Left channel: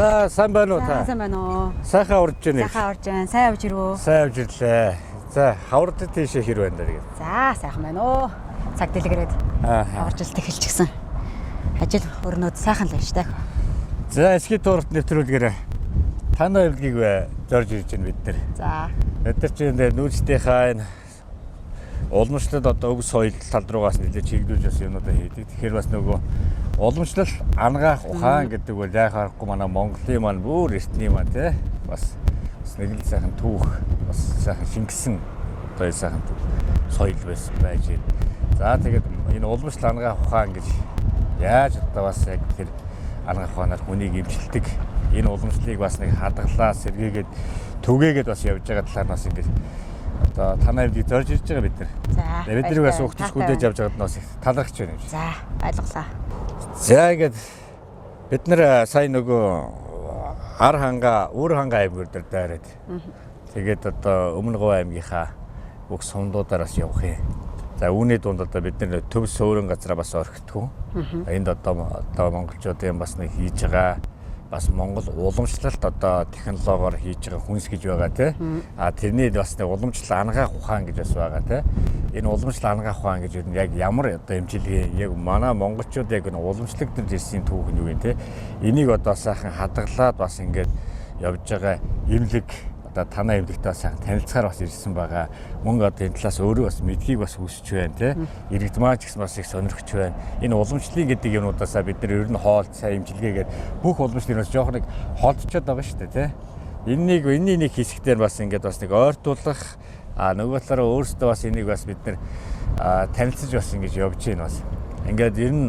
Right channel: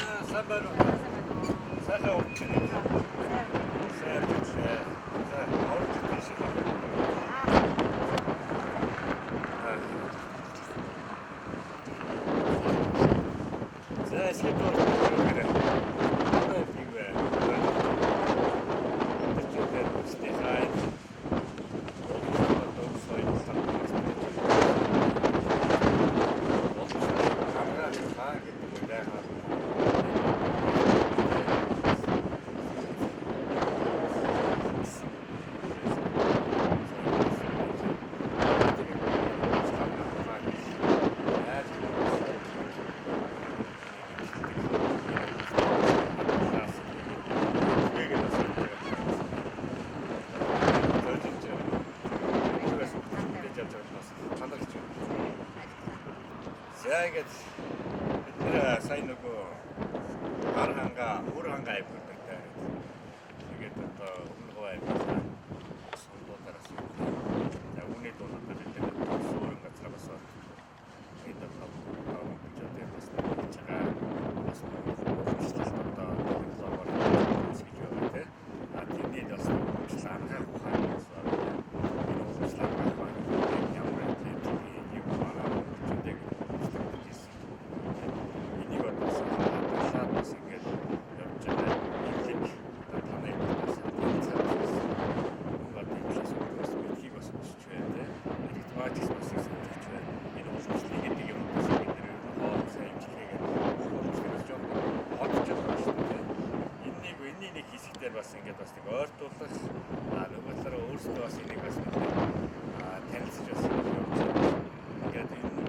За сайн байна уу та? Сайн байна уу? Сайхан урж байна. Сайхан урж байна. Сайн авч ирвөө. Сайн авч ирлээ. За хаврд тийшээ хэр байна даа. За сайхан байна уу? Цаг дэлгэрээд. Оржилт эхэлчихсэн. Ажил өрнөд сайхан л байна штэ. За эсхий туурт нэвтрүүлгээрээ. Танай эвлгийг зорж ирж байна. За. Өдөр чинь нүүцтийнхаа энэ улмчтад одоо өв соёл тал руугаас нэлээд чиглүүлсэн. Тэр бас нөгөө улмчлал ангаа ухаан гэдэг үйл яхахгүй манай Монголын маань өөр юм те. Бас нэг сайхан түүх сайхан шингэсэн одоо сайхан соёл байсан байж. За тэгээд энэ улмчлал ангаа ухаан гэж яаж одоо бас яг тэр ангаа ухаанаар хүнийг имчилдэг энэ улмчлалыг бас нэг хадгалаа сэргийгээд түгээгээд бас явж байгаа талаар бас ингэ одоо танай бид зорж ирж байгаа бид нар. Бид нар бас угтж хүлээж авч байгаад нас талархаж байна. За ойлголоо. За ингээд бид нар сая нөгөө хар ханга, үр ханга аймаг дээр дайраад. Тэгээд одоо өмнө Говь аймгийнхаа бүх сумдуудаараас явах юм. За үүний дунд одоо бид нар төв суурин газараа бас орхитгүй. Энд одоо монголчуудын бас нэг хийж байгаа бас Монгол уламжлалт одоо технологиор хийж хүнс гэж байгаа тий. А тэрний бас уламжлал ангаах ухаан гэж бас байгаа тий. Энэ уламжлал ангаах ухаан гэж яг ямар одоо эмчилгээ яг манай монголчууд яг энэ уламжлалт төр ирсэн түүх нь юу вэ тий. Энийг одоо сайхан хадгалаад бас ингээд явж байгаа эмнэлэг одоо танай эмнэлэгтэй сайхан танилцахаар бас ирсэн байгаа. Мөн одоо энэ талаас өөрөө бас мэдхийг бас хүсэж байна тий. Иргэдмаач гэсэн бас их сонирхож байна. Энэ уламжлалын гэдэг юмнуудаасаа бид нар ер нь хоол сайн эмчилгээгээд бүх уламжлалын бас жоох нэг хоолцоод байгаа шүү дээ тий. Энэний нэг хэсэгтэр бас ингээд бас нэг ойртуулах нөгөө талаараа өөрсдөө бас энийг бас бид нар танилцж бас ингэж явж байна бас. Ингээд ер нь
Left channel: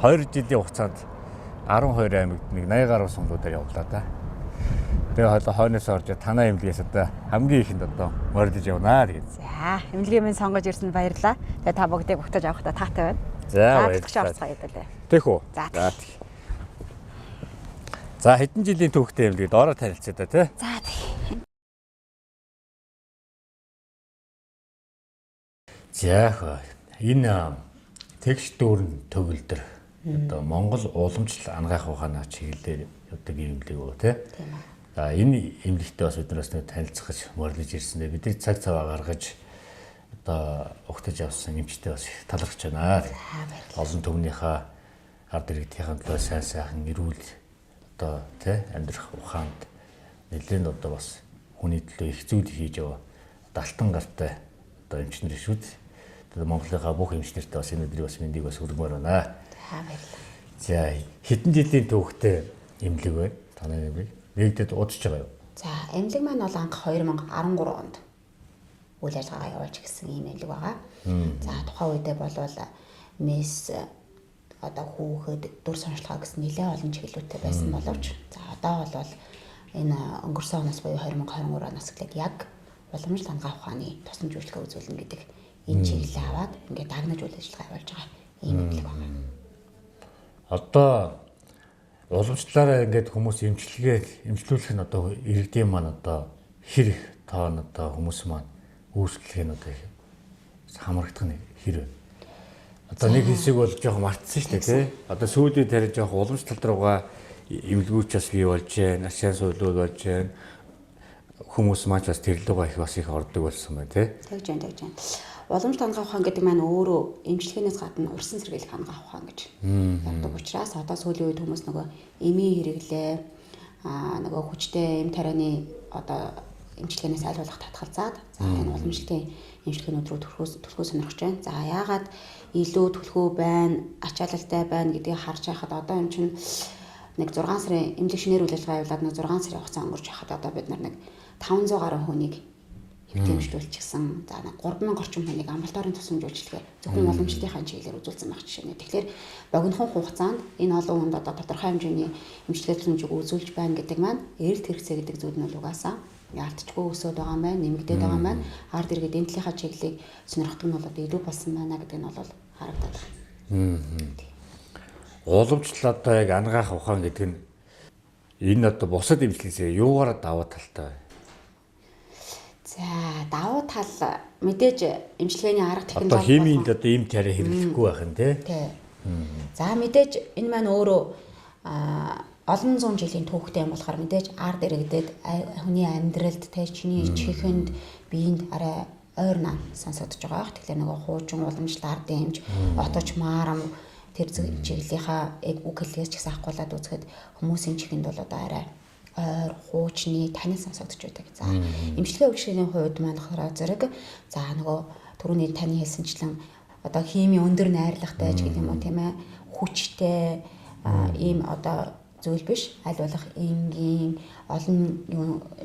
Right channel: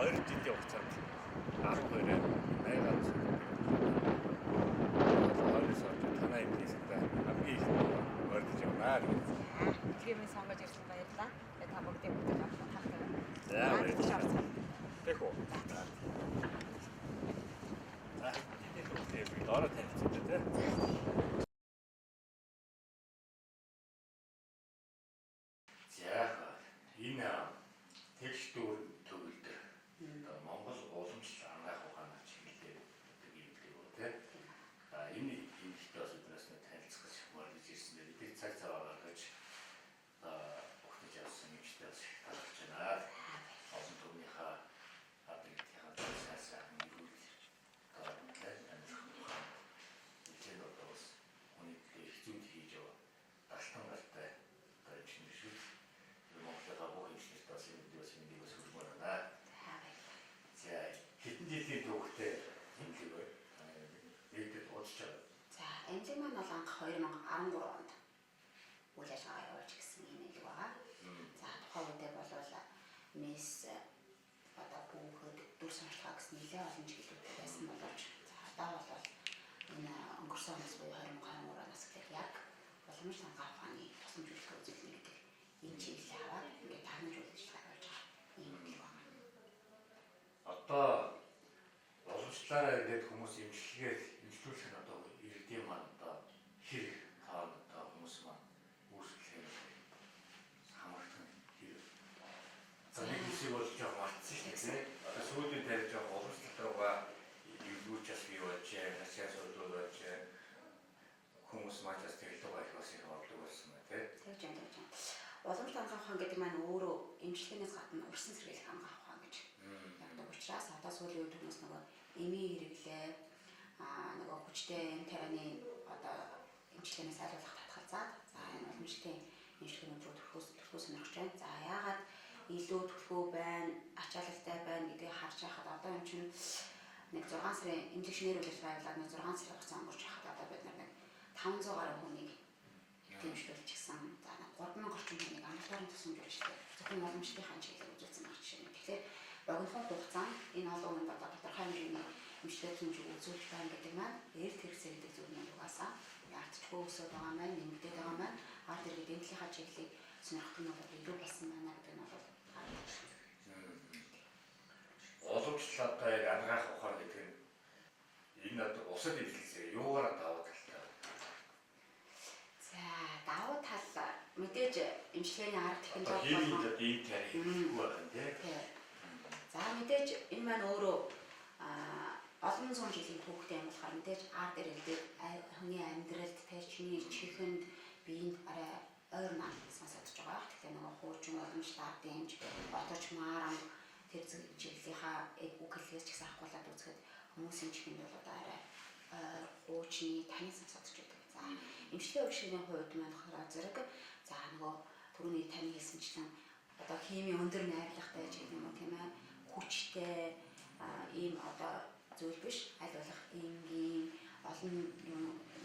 2 жилийн хугацаанд 12 аймагт нэг 80 гаруй сонгуудаар явлаа да. Тэгээд хойноос орж танай эмнэлгээс одоо хамгийн ихэнд одоо мордож явнаа гэж. За эмнэлгийн минь сонгож ирсэнд баярлалаа. Тэгээд та бүгдийг өгтөж авахдаа таатай байна. За баярлалаа. Тэх үү. За хэдэн жилийн түүхтэй эмнэлэг доороо танилцъя да тий. За тий. За энэ тэгш дүүрэн төгөлдөр одоо Монгол уламжлал ангаах ухааны чиглэлээр явдаг эмнэлэг үү тий. Энэ эмнэлэгтэй бас биднээс нэг танилцах гэж морилж ирсэн. Бидний цаг цаваа гаргаж одоо угтаж авсан эмчтэй бас талархаж байна. Олон түвнийхээ ард иргэдийн төлөө сайн сайхан эрүүл одоо тий амьдрах ухаанд нэлээд одоо бас хүний төлөө их зүйл хийж яваа далтан гартай одоо эмчнэр шүү дээ. Тэгээд Монголынхаа бүх эмчнэртэй бас энэ өдрийн бас мэндийг бас хүргэмээр байна. За хэдэн жилийн түүхтэй эмнэлэг вэ? Танай эмнэлэг нэгдэд удаж байгаа юу? За эмнэлэг маань бол анх 2013 онд үйл ажиллагаа явуулж гисэн юм эмнэлэг байгаа. За тухайн үедээ болвол мис одоо хүүхэд дүр сонирхлоо гэсэн нэлээд олон чиглэлтэй байсан боловч за одоо бол энэ өнгөрсөн оноос буюу 2023 оноос эхлээд яг уламжлалт ангаах ухааны тусламж үйлчлэгээ үзүүлнэ гэдэг энэ чиглэлээ аваад ингээд дагнаж үйл ажиллагаа явуулж байгаа юм эмнэлэг байна. Одоо уламжлалаараа ингээд хүмүүс эмчлүүлэх нь одоо иргэдийн маань одоо хэр тоон одоо хүмүүс маань үүсгэх нь одоо хамрагдах нь хэр вэ? Одоо нэг хэсэг бол жоох мартсан шүү дээ тий. Одоо сүүлийн тарих жоох уламжлалт руугаа эмнэлгүүч бас бий болж байна, ашиг соёлууд болж байна. Хүмүүс маань бас тэр лугаа их бас их ордог болсон байна тий. Тэгж байна. Уламжлалт ангаах ухаан гэдэг маань өөрөө эмчилгээнээс гадна урьсан сэргийлэх ангаах ухаан гэж яддаг учраас одоо сүүлийн үед хүмүүс нөгөө эмийн хэрэглээ нөгөө хүчтэй эм тарианы одоо эмчилгээнээс аль болох татгалзаад за энэ уламжлалтын эмчилгээнүүд рүү төрхөө сонирхож байна. За яагаад илүү төлхөө байна, ачаалалтай байна гэдгийг харж байхад одоо юм чинь нэг 6 сарын эмнэлэг шинээр үйл ажиллагаа явуулаад нэг 6 сарын хугацаа өнгөрч байхад одоо бид нар нэг 500 гаруй хүнийг хэмжүүлчихсэн. За 3000 орчим хүнийг амралтын тусламж үйлчлэгээ зөвхөн уламжлалтын чиглэлээр үзүүлсэн байх жишээ нь. Тэгэхээр богинохон хугацаанд энэ олон хүнд одоо тодорхой хэмжээний эмчилгээ тусламжийг үзүүлж байна гэдэг маань эрэлт хэрэгцээ гэдэг зүйл нь угаасаа яалтчгүй өсөд байгаа маань, нэмэгдээд байгаа маань ард иргэд эмнэлгийн чиглэлийг сонирхдаг нь бол одоо илүү болсон байна гэдэг нь бол харагдаад байна. Уламжлал одоо яг ангаах ухаан гэдэг нь энэ одоо бусад эмчилгээсээ юугаараа даваа талтай вэ? За давуу тал мэдээж эмчилгээний арга техник одоо химийн одоо эм тариа хэрэглэхгүй байх нь тий. За мэдээж энэ маань өөрөө олон зуун жилийн түүхтэй юм болохоор мэдээж ард иргэдэд хүний амьдралд те чиний чихэнд биеинд арай ойрнаа сонсогдож байгаа. Тэгэхээр нөгөө хуучин уламжлалт ард дэмж отож маарам тэр чиглэлийнхаа үг хэлээс ч гэсэн ахгуулаад үзэхэд хүмүүсийн чихэнд бол одоо арай ойр хуучны тань сонсогдож байдаг. За эмчилгээ үйлчилгээний хувьд маань болохоор зэрэг за нөгөө түрүүний таны хэлсэнчлэн одоо хими өндөр найрлагатай ч гэдэг юм уу тийм ээ хүчтэй ийм одоо зүйл биш аль болох энгийн олон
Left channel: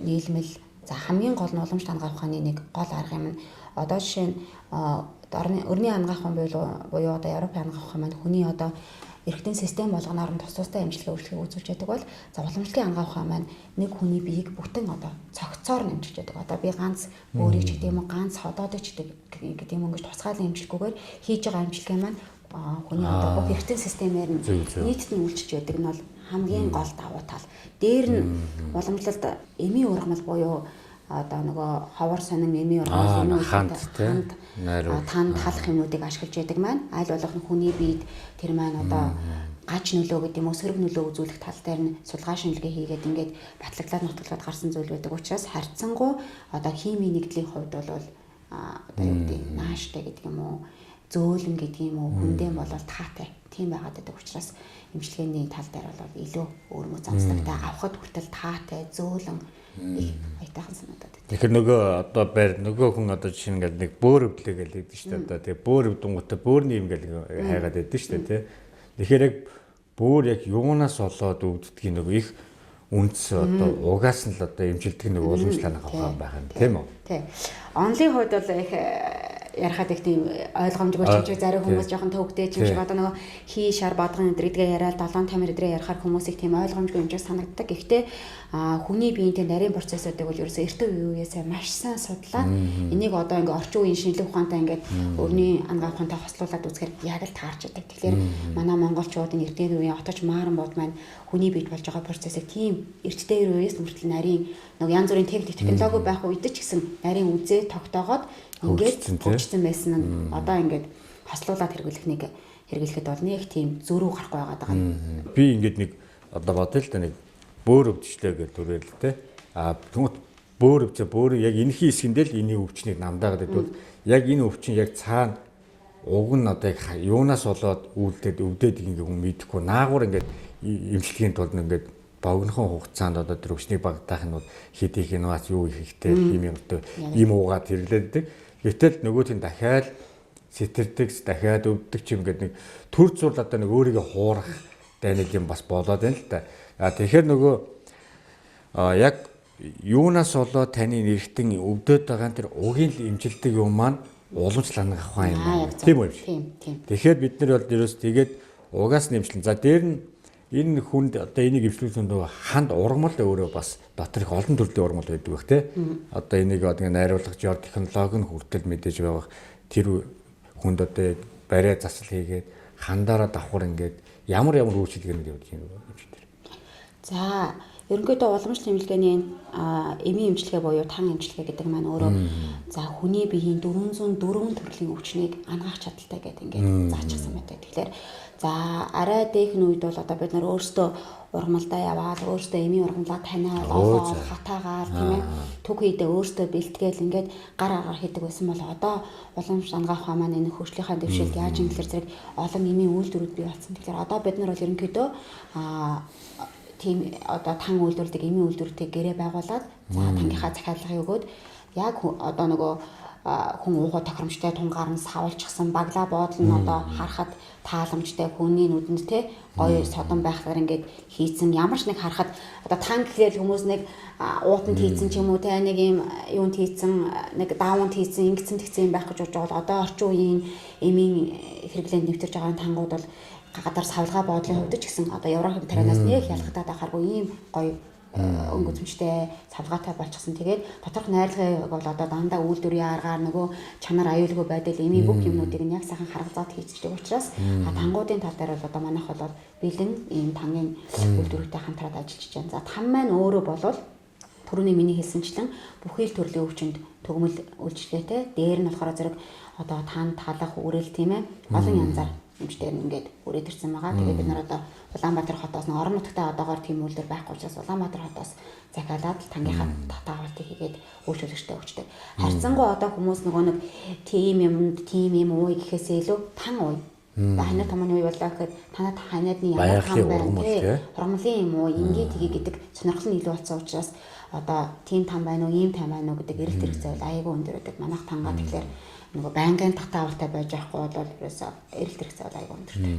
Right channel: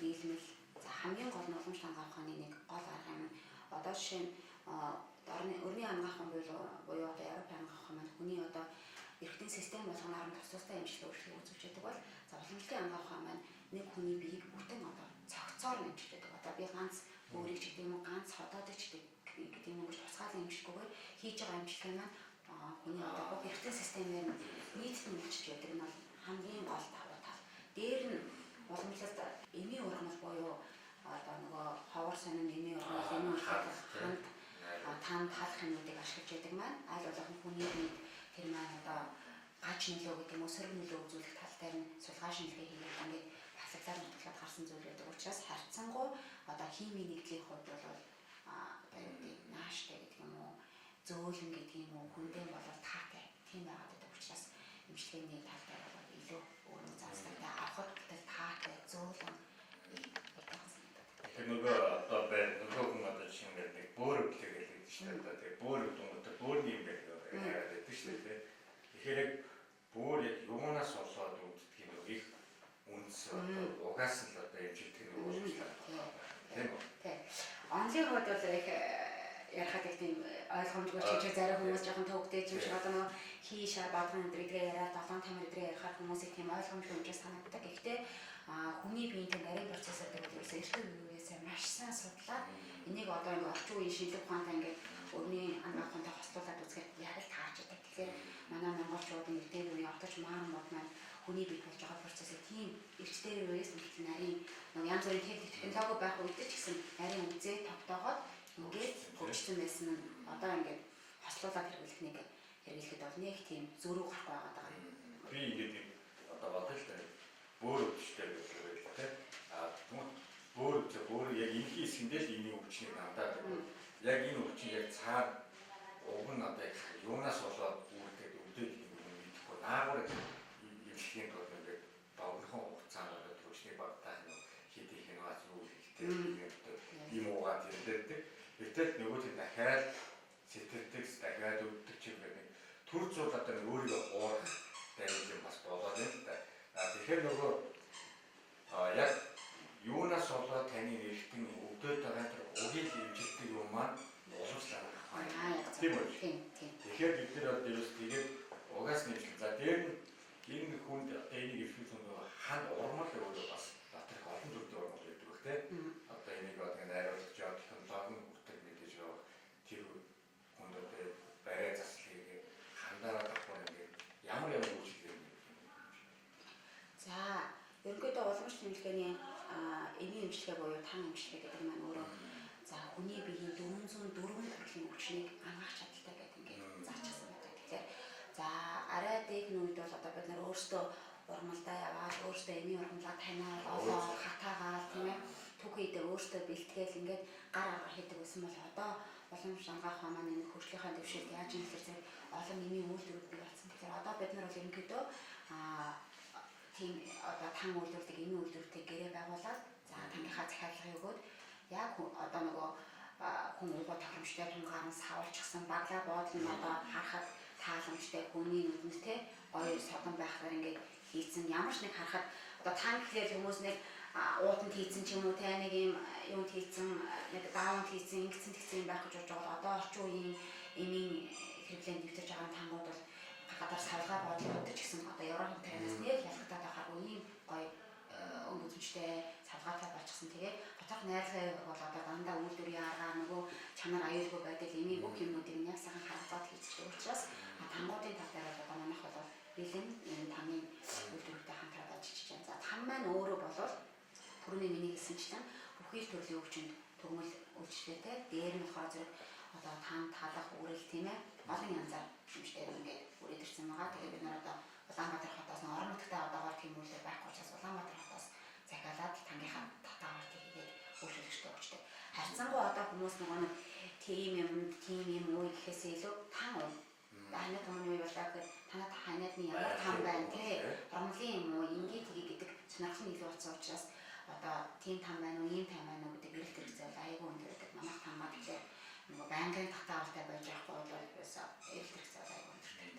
нийлмэл за хамгийн гол нь уламжлалт ангаах ухааны нэг гол арга юм нь одоо жишээ нь өрний ангаах ухаан буюу одоо Европын ангаах ухаан маань хүний одоо эрхтэн систем болгоноор нь тустай эмчилгээ үйлчлэгийг үзүүлж байдаг бол за уламжлалын ангаах ухаан маань нэг хүний биеийг бүтэн одоо цогцоор нэмжиж байдаг. Одоо би ганц өөрийг ч гэдэг юм уу ганц ходоодыг ч гэдэг юм уу гэж тусгаалan эмчилгүүгээр хийж байгаа эмчилгээ маань хүний одоо бүх эрхтэн системээр нь нийтэд нь үйлчилж байдаг нь бол хамгийн гол давуу тал. Дээр нь уламжлалт эмийн ургамал буюу одоо нөгөө ховор сонин эмийн ургамал танд халах юмнуудыг ашиглаж яадаг маань аль болох хүний биед тэр маань одоо гач нөлөө гэдэг юм уу сөрөг нөлөө үзүүлэх тал дээр нь судалгаа шинжилгээ хийгээд ингээд батлаглаад нутгалгаад гарсан зүйл байдаг учраас харьцангуй одоо химийн нэгдлийн хувьд бол одоо юу гэдэг нааштай гэдэг юм уу зөөлөн гэдэг юм уу хүндэн болол таатай тийм байгаад байдаг учраас эмчилгээний тал дээр бол илүү өөрмө замсдагтай авахд хүртэл таатай зөөлөн айтайхан санагдаад байна. Тэгэхээр нөгөө одоо байр нөгөө хүн одоо жишээ нь ингээд нэг бөөр өвдлээ гэж хэлдэг шүү дээ. Одоо тэгээ бөөр өвдөнгөтэй бөөрний юм гэж хайгаад байдаг шүү дээ тий. Тэгэхээр яг бөөр яг юунаас болоод өвддгийг нөгөө их үндэс одоо угаас нь л одоо эмчилдэг нөгөө уламжлалт авах байх юм тийм үү? Тий. Онлын хувьд бол их ярахад их тийм ойлгомжгүй ч гэж зарим хүмүүс жоохон төвөгтэй ч юм шиг одоо нөгөө хий шар бадган өдрийгээ яриад 7 тамир өдрөө ярахаар хүмүүс их тийм ойлгомжгүй юм шиг санагддаг. Гэхдээ хүний биеийн нарийн процессуудыг бол ерөөсөө эртөө үеэсээ маш сайн судлаад энийг одоо ингээ орчин үеийн шинжлэх ухаантай ингээд өрний ангаах ухаантай хослуулад үзэхээр яг л таарч байдаг. Тэгэхээр манай монголчуудын эртний үеийн отож мааран бод маань хүний биед болж байгаа процессыг тийм эртний үеэс хүртэл нарийн нэг янз бүрийн технологи байх үед ч гэсэн нарийн үзээ тогтоогоод ингээд хөгжсөн байсан нь одоо ингээд хослуулаад хэрэглэхэд бол нэг тийм зөрүү гарахгүй байгаа даа. Би ингээд нэг одоо бодъё л да нэг бөөр өвчтэй гэж төрөөл тэ. Тэгмэд бөөр өвчөө бөөр яг энэхий хэсгэндээ л эний өвчнийг намдаагаад байдвал яг энэ өвчин яг цаана уг нь одоо яг юунаас болоод үүлдээд өвдөд ингээ хүн мэдэхгүй наагур ингээд эмчилгээний тулд ингээд богинохон хугацаанд одоо тэр өвчнийг багтаах нь хэдийх инновац юу их ихтэй юм юмтай ийм уугаад хэрэглээдэг. Гэтэл нөгөөтийн дахиад сэтэрдэг, дахиад өвддөг ч юм гээд нэг төр зур одоо нэг өөрийгөө хуурах нэг юм бас болоод байна л да. Тэгэхээр нөгөө яг юунаас болоод таны нэрхтэн өвдөд байгаа тэр угийн эмчилдэг юм маань уламжлалт ангаах ухаан юм. Тийм үү? Тийм. Тэгэхээр бид нар бол ерөөс тэгээд угаас нэмжлэн. За дээр нь энэ хүнд одоо энийг эвшлүүлсэн нөгөө ханд ургамал өөрөө бас дотор их олон төрлийн ургамал байдаг бах тий. Одоо энийг одоо найруулгах жоо технологи нь хүртэл мэдээж байгаа. Тэр хүнд одоо барай засал хийгээд хандаараа давхар ингээд ямар үйлчилгээ нэг явуулж юм бэ? За ерөнхийдөө уламжлалт эмчилгээний эмийн эмчилгээ буюу тан эмчилгээ гэдэг маань өөрөө за хүний биеийн 404 төрлийн өвчнийг ангаах чадaltaй гэдэг ингээд заачсан байдаг. Тэгэхээр за арай дээх үед бол одоо бид нар өөрсдөө ургамалдаа яваад өөрсдөө эмийн ургамлаа таниад хатаагаар тийм ээ төг хийдээ өөрсдөө бэлтгээл ингээд гар агаар хийдэг байсан бол одоо уламжлалт ангаах ухаан маань энэ хөгжлийнхаа дэвшилд яаж юм гэхээр зэрэг олон эмийн үйлдвэрүүд бий болсон. Тэгэхээр одоо бид нар бол ерөнхийдөө тийм одоо тан үйлдвэрлэдэг эмийн үйлдвэрүүдийг гэрээ байгуулад за тангийнхаа захиалгыг өгөөд яг одоо нөгөө хүн уухай тохиромжтой тунгаар нь савуулчихсан баглаа буудал нь одоо харахад тааламжтай хүний нүдэнд те гоё содон байхаар ингээд хийцэн ямар ч нэг харахад одоо тан гэхэл хүмүүс нэг уутанд хийцэн ч юм уу те нэг юм юунд хийцэн нэг даавнд хийцэн ингэсэн тэгсэн юм байх гэж бодож байгаа. Одоо орчин үеийн эмийн хэрэглээнд нэвтэрж байгаа тангууд бол гадар савлгаа боодлын хувьд ч гэсэн одоо Европын тарианаас нэг ялгатаад байхааргүй ийм гоё өнгөцмжтэй савлгаатай болчихсон. Тэгээд доторх найрлагыг бол одоо дандаа үйлдвэрийн аргаар нөгөө чанар аюулгүй байдал эмийн бүх юмнуудыг нь яг сайхан харгалзаад хийцдэг учраас тангуудын тал дээр бол одоо манайх бол бэлэн ийм тангийн үйлдвэртэй хамтраад ажиллаж байна. За тан маань өөрөө болол түрүүний миний хэлсэнчлэн бүхий л төрлийн өвчнөд төгмөл үйлчлэгээтэй. Дээр нь болохоор зэрэг одоо танд талах үрэл тийм ээ олон янзаар эмчтэй ингээд үрээд ирсэн байгаа. Тэгээд бид нар одоо Улаанбаатар хотоос нэг орон нутгад одоогоор тийм үйлдвэр байхгүй учраас Улаанбаатар хотоос захиалаад тангийнхаа татаагаалтыг хийгээд үйлчлэгчтэй өгчдөг. Харьцангуй одоо хүмүүс нөгөө нэг тийм юм уу гэхээсээ илүү тан уу. Ханаа тамны уу болоо гэхэд танад ханаадны ямар тан байна хормлын юм уу ингээд тгий гэдэг сонирхол нь илүү болсон учраас одоо тийм тан байна уу ийм тан байна уу гэдэг эрэлт хэрэгцээ бол аягүй өндөр байдаг. Манайх тангаа тэгэхээр нөгөө байнгын татаавалтай байж байхгүй бол ерөөсөө эрэлт хэрэгцээ бол аягүй өндөртэй.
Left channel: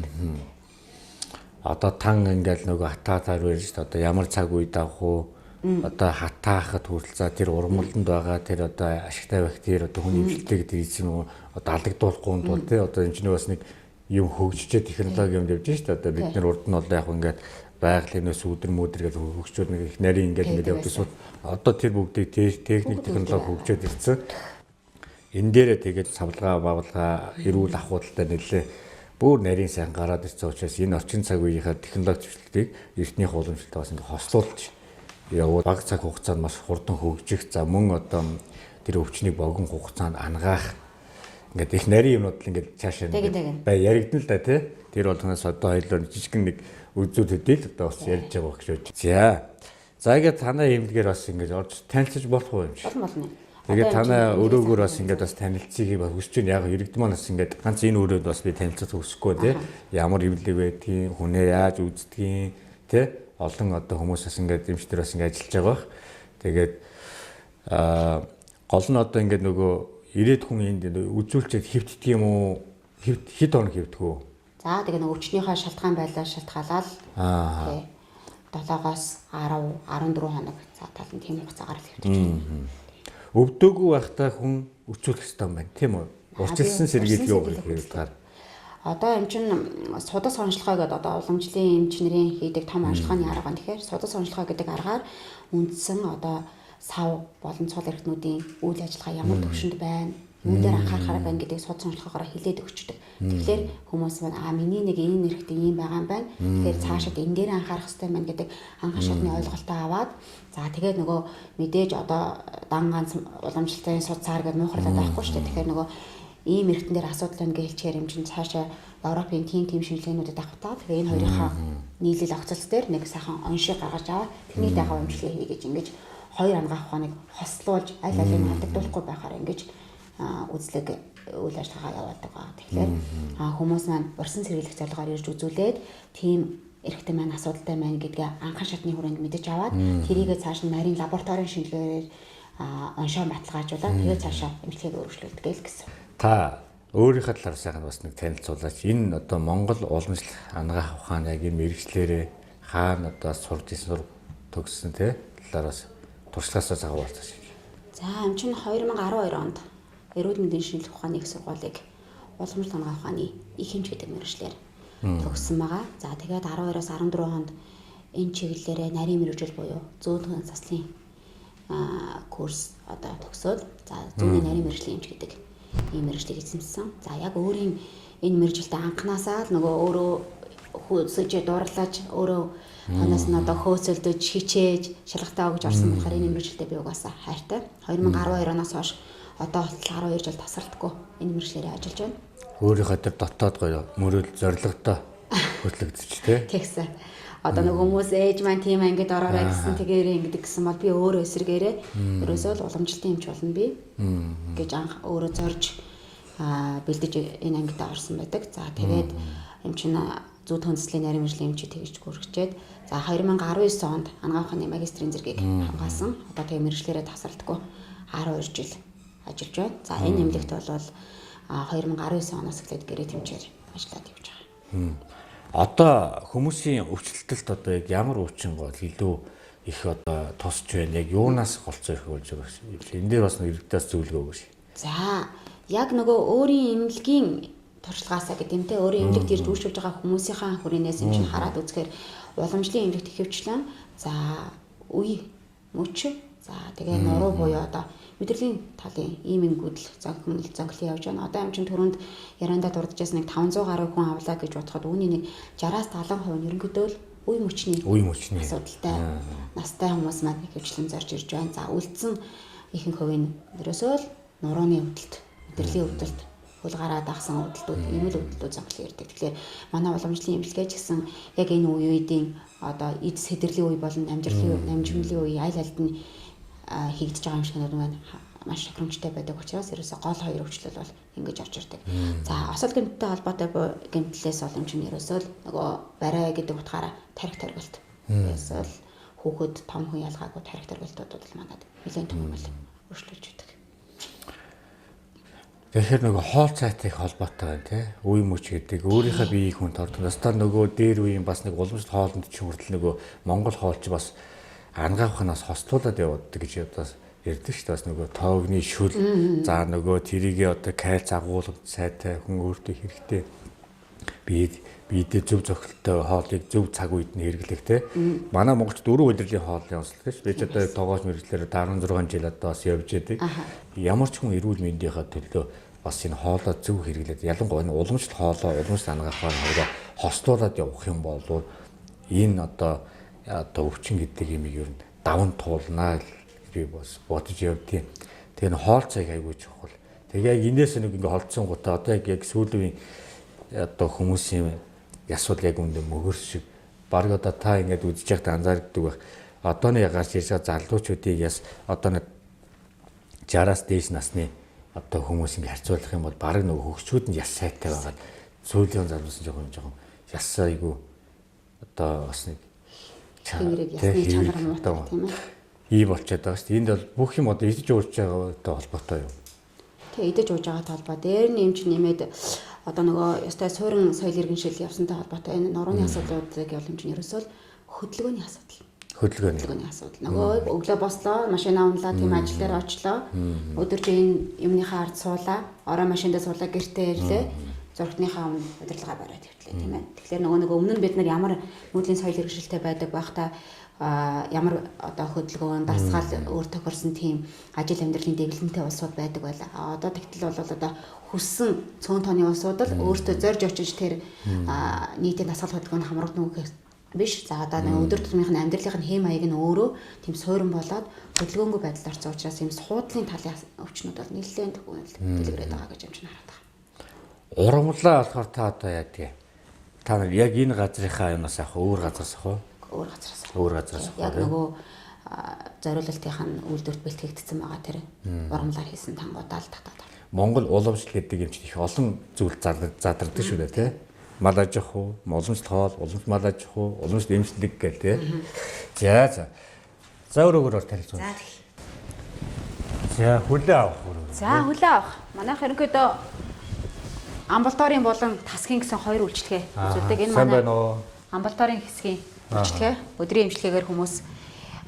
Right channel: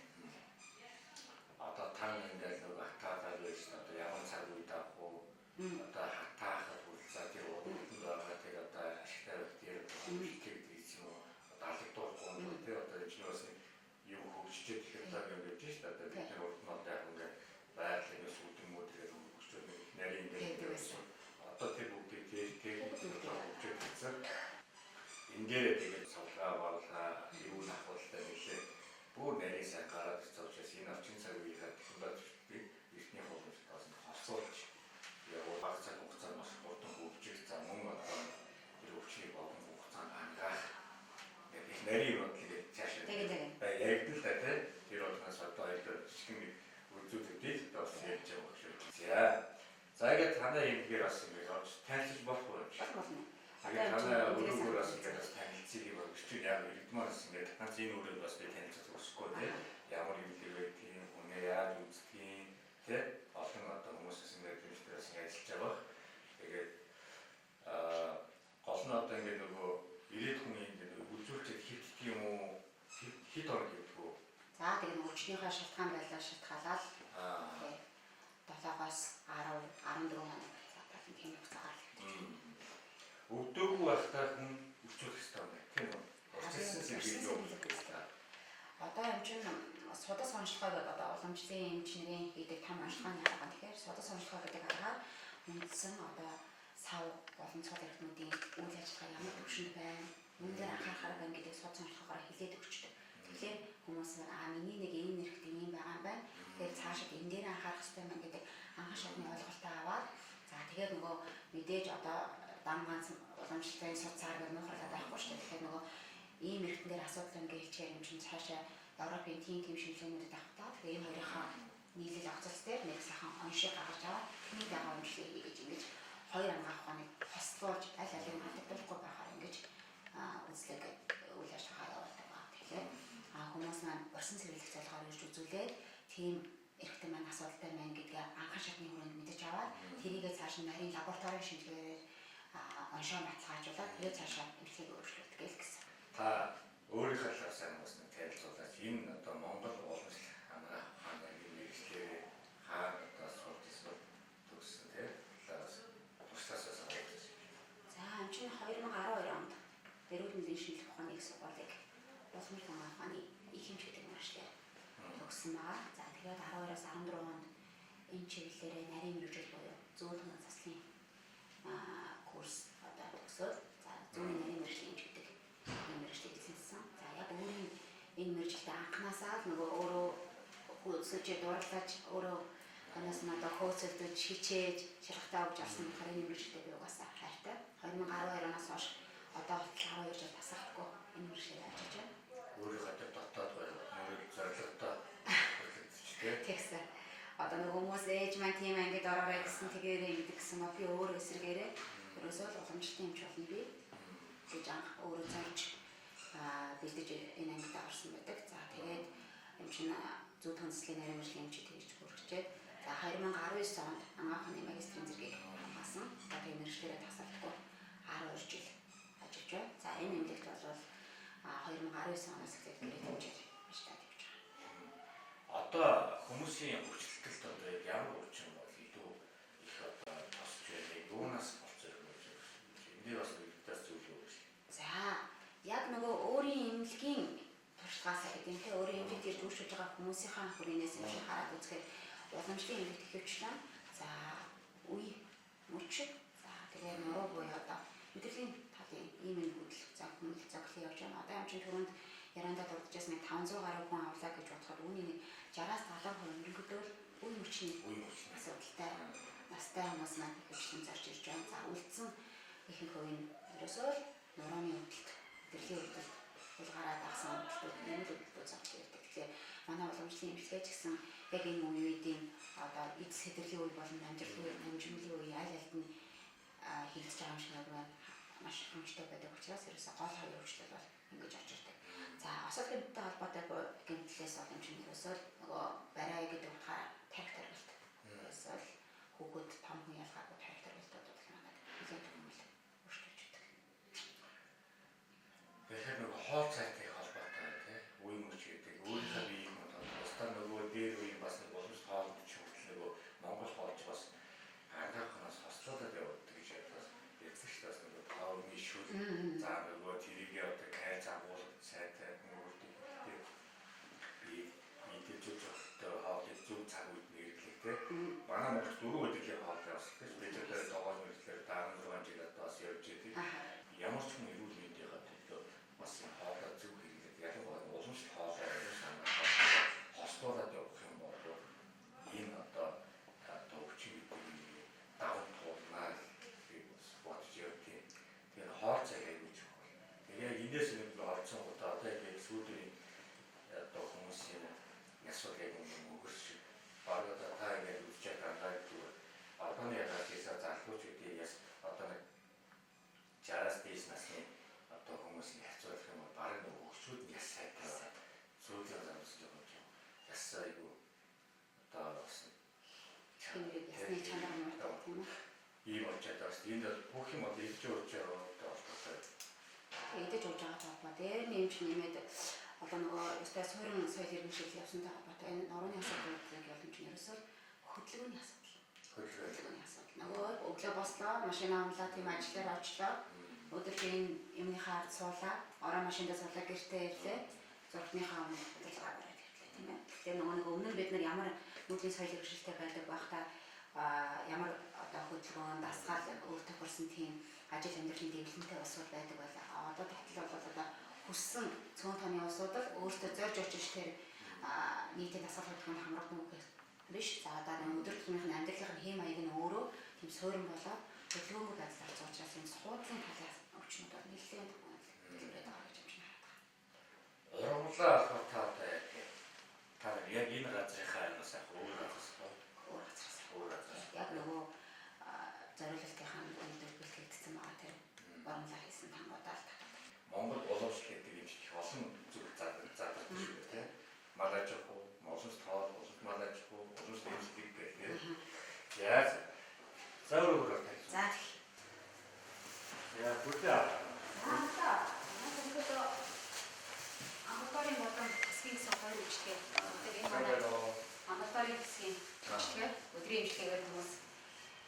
Одоо тан ингээл нөгөө хатаатаар байж шүү дээ. Одоо ямар цаг үед авах уу? Одоо хатаахад хүртэл за тэр урмалданд байгаа тэр одоо ашигтай бактери одоо хүний имчилгээ гэдэг эзэн үү одоо алдагдуулахгүй тул тий одоо энэ ч бас нэг юм хөгжиж технологи юм явж шүү дээ. Одоо бид нар урд нь бол яг ингээд байгалийн сүдэр мөдэр гэж хөгжөөд нэг их нарийн ингээд явдсан. Одоо тэр бүгдийг техник технологи хөгжөөд ирсэн. Энэ дээрээ тэгээд савлгаа бавлгаа эрүүл ахуйдтай нэлээ бүр нарийн сайн гараад ирсэн учраас энэ орчин цаг үеийнхаа технологи зөвшлөлтийг эртнийх уламжлалтаа бас ингээд хослуулж явуу баг цаг хугацаанд маш хурдан хөгжих за мөн одоо тэр өвчнийг богино хугацаанд ангаах ингээд их нарийн юмнууд л ингээд цаашаа яригдана л да тий тэр болгоноос одоо хоёулаа жижигэн нэг үзүүд хөдөл одоо бас ярьж байгаа гэж байна. За ингээд танай эмнэлгээр бас ингээд орж танилцж болох уу юм шиг. Болно. Тэгээд танай өрөөгөр бас ингээд бас танилцгийг хүсэж байна. Яг иргэдмээ бас ингээд ганц энэ өрөөд бас би танилцах хүсэхгүй тий. Ямар эмнэлэг байдгийг, хүнээ яаж үздгийг тий олон одоо хүмүүсээс ингээд эмчтэр бас ингээд ажиллаж байгаа. Тэгээд гол нь одоо ингээд нөгөө ирээд хүн энд үзүүлчихэд хэвтдэг юм уу? Хэд хоног хэвтдэг үү? За тэгээд өвчнийхөө шалтгаан байлаа шалтгаалаад тий 7-оос 10 14 хоног за тал нь тийм хугацаагаар л хэвтэж байна. Өвдөөгүй байхдаа хүн өчүүлэх хэрэгтэй юм байна тийм үү? Урчилсан сэргийлгээ юу гэдэг вэ? Одоо юм чин судас онцлогоо гэдэг одоо уламжлалын эмчнэрийн хийдэг том онцлогооны арга байна. Тэгэхээр судас онцлогоо гэдэг аргаар үндсэн одоо сав болон цол эрхтнүүдийн үйл ажиллагаа ямар төвшөнд байна, юун дээр анхаарахаар байна гэдгийг судас онцлогоогоор хилээд өгчдөг. Тэгэхээр хүмүүс маань миний нэг энэ нэрхтээ ийм байгаа юм байна. Тэгэхээр цаашид энэ дээр анхаарах хэрэгтэй байна гэдэг анхан шатны ойлголтоо аваад за тэгээд нөгөө мэдээж одоо дан ганц уламжлалтын судсаар гэдэг муухарлаад байхгүй шүү дээ. Тэгэхээр нөгөө ийм эргэтэн дээр асуудал байна гэж хэлчихээр юм чинь цаашаа Европын тийм шинжилгээнүүдэд авахтаа тэгээ энэ хоёрынхаа нийлэл огцолц дээр нэг сайхан оншиг гаргаж аваад тэрний дагав эмчилгээ хийгээж ингэж хоёр ангаах ухааныг хослуулж аль алийг алдагдуулахгүй байхаар ингэж үзлэг үйл ажиллагаа явуулдаг байгаа. Тэгэхээр хүмүүс маань урьсан сэргийлэх зорилгоор ирж үзүүлээд тийм эрэгтэй маань асуудалтай байна гэдгээ анхан шатны хүрээнд мэдэж аваад тэрийгээ цааш нь нарийн лабораторийн шинжилгээгээр оншоо баталгаажуулаад тэгээ цаашаа эмчилгээг өөрчлөлдөг л гэсэн. Та өөрийнхөө талаар сайхан бас нэг танилцуулаач. Энэ одоо Монгол уламжлалт ангаах ухааны яг энэ мэргэжлэрээ хаана одоо сурж ирсэн төгссөн те талаараас туршлагаасаа цагаалцаж. За юм чинь 2012 онд эрүүл мэндийн шинжилгээ ухааны их сургуулийг уламжлалт ангаах ухааны их хэмж гэдэг мэргэжлэр төгссөн байгаа. За тэгээд 12-оос 14 онд энэ чиглэлээрээ нарийн мэргэжил буюу зөөлхөн заслын курс одоо төгсөөд за зүүнний нарийн мэргэжлийн эмч гэдэг ийм мэргэжлийг эзэмшсэн. За яг өөрийн энэ мэргэжилтэд анханасаа л нөгөө өөрөө хөөсөж дурлаж өөрөө танаас нь одоо хөөсөлдөж хичээж шалгалтаа өгж орсон болохоор энэ мэргэжилтэд би угаасаа хайртай. 2012 оноос хойш одоо болтол 12 жил тасралтгүй энэ мэргэжлэрээ ажиллаж байна. Өөрийнхөө тэр дотоод гоё мөрөөл зоригтой хөтлөгдөж тий. Тэгсэн. Одоо нэг хүмүүс ээж маань тийм ангид ороорой гэсэн тэгээрээ ингэдэг гэсэн бол би өөрөө эсрэгээрээ ерөөсөө л уламжлалтын эмч болно би гэж анх өөрөө зорж бэлдэж энэ ангид орсон байдаг. За тэгээд эмч нь зүй төнцлийн нарийн мэргэжлийн эмч тэгж гүрхчээд за 2019 онд ангаах ухааны магистрийн зэргийг хамгаалсан. Одоо тэгээ мэргэжлэрээ тасралтгүй 12 жил ажиллаж байна. За энэ эмнэлэгт бол 2019 оноос эхлээд гэрээ тэмчээр ажиллаад явж байгаа. Одоо хүмүүсийн өвчлөлтөлд одоо яг ямар өвчин гол илүү их одоо тусч байна. Яг юунаас голцоо их болж байгаа юм. Энэ дээр бас нэг иргэдээс зөвлөгөө өгөөш. За яг нөгөө өөрийн эмнэлгийн туршлагаасаа гэдэг юм те өөрийн эмнэлэгт ирж үйлчилж байгаа хүмүүсийнхаа хүрээнээс юм чинь хараад үзэхээр уламжлалын эмнэлэгт ихэвчлэн за үе мөч за тэгээ нуруу буюу одоо мэдрэлийн талын иймэнгүүд зонглон явж байна. Одоо юм чинь түрүүнд ярианда дурдчихсан нэг 500 гаруй хүн авлаа гэж бодоход үүний нэг 60-аас 70% нь ерөнхийдөө л үе мөчний асуудалтай настай хүмүүс маань ихэвчлэн зорж ирж байна. За үлдсэн ихэнх хувь нь ерөөсөө л нурууны өвдөлт, мэдрэлийн өвдөлт, хөл гараад ахсан өвдөлтүүд ийм л өвдөлтүүд зовлон ирдэг. Тэгэхээр манай уламжлалын эмчилгээ ч гэсэн яг энэ үеийн одоо эд сэдэрлийн үе болон намжимлын үе аль альд нь хийгдэж байгаа юм шиг байна. Маш хөрөмжтэй байдаг учраас ерөөсөө гол хоёр өвчлөл бол ингэж орж ирдэг. За осол гэмттэй холбоотой гэмтлээс бол юм чинь ерөөсөө нөгөө барай гэдэг утгаараа тарих таргалт. Ерөөсөө хүүхэд том хүн ялгаагүй тарих таргалтууд бол манад нэлээд том бол өршлөж байдаг. Тэгэхээр нөгөө хоол цайтыг холбоотой байна тий. Үе мөч гэдэг өөрийнхөө биеийг хүн тордог. Настаа нөгөө дээр үеийн бас нэг уламжлалт хоолнд ч хүртэл нөгөө Монгол хоолч бас ангаахнаас хостуулаад явдаг гэж одоо ярьдаг шүү дээ. Бас нөгөө тоогны шүл за нөгөө тэрийгээ одоо кальц агуулгад сайтай хүн өөртөө хэрэгтэй биедээ зөв зохилттой хоолыг зөв цаг үед нь хэрэглэх те. Манай Монголд 4 удирдлагын хоолны онцлог шүү. Би ч одоо тоогооч мэрэгчлэр 16 жил одоо бас явж байдаг. Ямар ч хүн эрүүл мэндийнхаа төлөө бас энэ хоолоо зөв хэрэглээд ялангуяа уламжлалт хоолоо уламжлалт ангаахаар нөгөө хостуулаад явах юм бол энэ одоо өвчин гэдэг юм ер нь даван туулнаа би бас бодож явдیں۔ Тэгээ н хоол цайг айгуу чухал. Тэгээ яг энэс нэг ингээ холдсон гутаа одоо яг сүүлийн одоо хүмүүсийн ясвал яг үндэ мөгөрс шиг баг одоо та ингээд үзэж байхдаа анзаардаг байх. Одооны ягаас ирж байгаа залуучуудыг яс одоо нэг 60-аас дээш насны одоо хүмүүс ингээ харьцуулах юм бол баг нөгөө хөгчүүд нь яс сайтай байгаад сүүлийн залуусан жоохон яс айгуу одоо бас нэг Тэнгэрийг ясны чанар муутай тийм ээ. Ийм болчиход байгаа шүү дээ. Энд бол бүх юм одоо идэж уурж байгаатай холбоотой юу? Тэгээ идэж ууж байгаа толгой дээр нь эмч нэмээд одоо нөгөө ёстой суурин соёл иргэншил явсантай холбоотой энэ нурууны асуудлуудыг явуулж ерөөсөө хөдөлгөөний асуудал. Хөдөлгөөний асуудал. Нөгөө өглөө бослоо, машина унлаа, тийм ажил дээр очлоо. Өдөржин юмныхаа ард суулаа, ороо машиндаа суулаа, гэртээ ирлээ. Зургийнхаа өмнө удирдлага бариад явтлаа тийм ээ. Тэгэхээр нөгөө өмнө нь бид нар ямар нүүдлийн соёл иргэншилтэй байдаг байхдаа ямар одоо хөдөлгөөн дасгал өөр тохирсон тийм ажил амьдралын дэглэмтэй улсууд байдаг байлаа. Одоо тэгтэл бол одоо хүссэн цөөн тооны улсууд л өөртөө зорж очиж тэр нийтийн дасгал хөдөлгөөнд хамрагдана гэх биш. За одоо нэг өдөр тутмын амьдралын хэм маяг нь өөрөө тийм суурин болоод хөдөлгөөнгүй байдалд орсон учраас ийм хуудлын талын өвчнүүд бол нэлээд дэлгэрээд байгаа гэж амжин хараад байна. Урамлаа болохоор та одоо яа тий. Та нар яг энэ газрынхаа юмас яах вэ? Өөр газраас яах вэ? Өөр газраас. Яг нөгөө зориулалтынхаа үйлдвэрт бэлтгэгдсэн байгаа тэр урамлаар хийсэн тангуудаа л татаад. Монгол уламжлал гэдэг юм чинь их олон зүйл задардаг шүү дээ тий. Мал аж ахуй, уламжлалт хоол, уламжлалт мал аж ахуй, уламжлалт эмчилэг гэх тий. За өөрөөр танилцуул. За хүлээ авах. За хүлээ авах. Манайх ерөнхийдөө амбулаторийн болон тасгийн гэсэн хоёр үйлчлэгээ үзүүлдэг. Энэ манай амбулаторийн хэсгийн үйлчлэгээ. Өдрийн эмчилгээгээр хүмүүс